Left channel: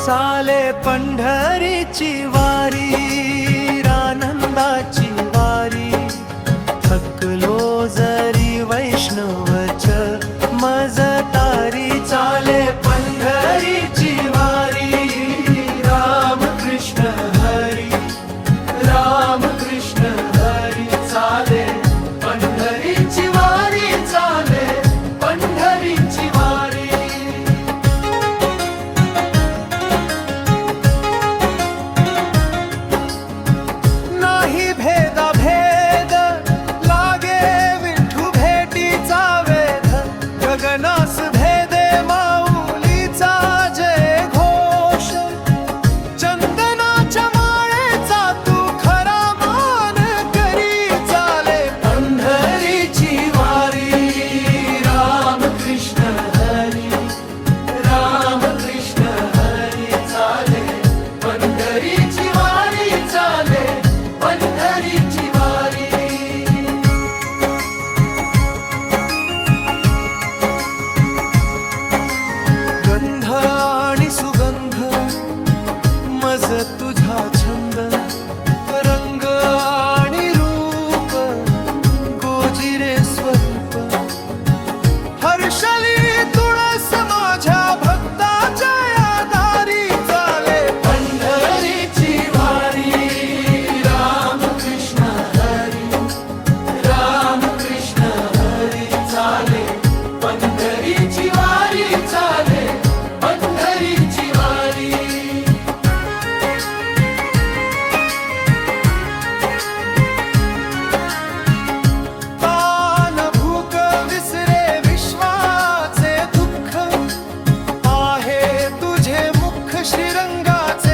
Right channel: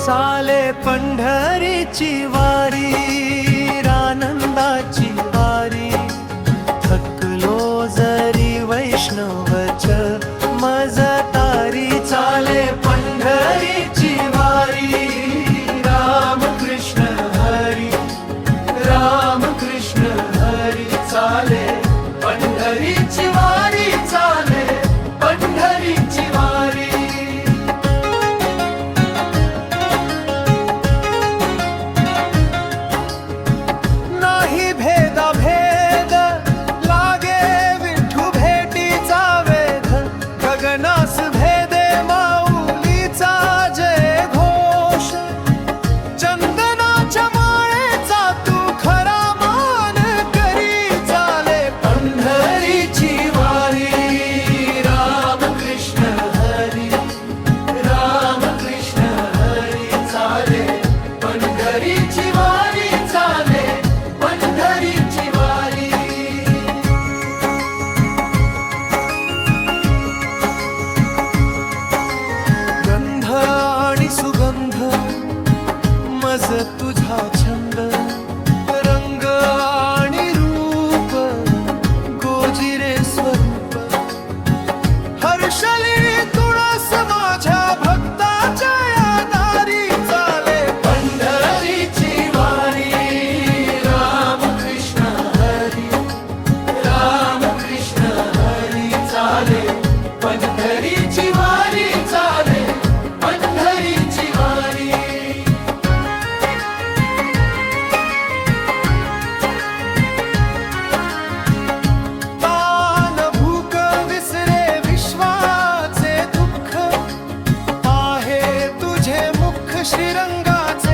चाले पंढरीची वारी, आनंदाची वारी, थकलो जरी वैष्णवच मज तारी। चाले पंढरीची वारी, राम कृष्ण हरी, राम कृष्ण हरी। चाले पंढरीची वारी, चाले पंढरीची वारी। नाही भेदा भेद लागे विठू भेटीचा वेध, गगनास भेदे माऊलीचा जय घोष। चंदनाच्या माळेचा तू खरा मान करी, चाले पंढरीची वारी, राम कृष्ण हरी, राम कृष्ण हरी। चाले पंढरीची वारी, चाले पंढरीची वारी। गंध आणि सुगंध मज तुझा छंद, रंग आणि रूप गोजिरे स्वरूप। हर्षली तुळस माझ्या भक्ताच्या या दारी, चाले पंढरीची वारी, राम कृष्ण हरी, राम कृष्ण हरी। चाले पंढरीची वारी, चाले पंढरीची वारी। तान भूक विसरे विश्वाचे दुःख, आहे तुझे मुख श्रीरंगाचे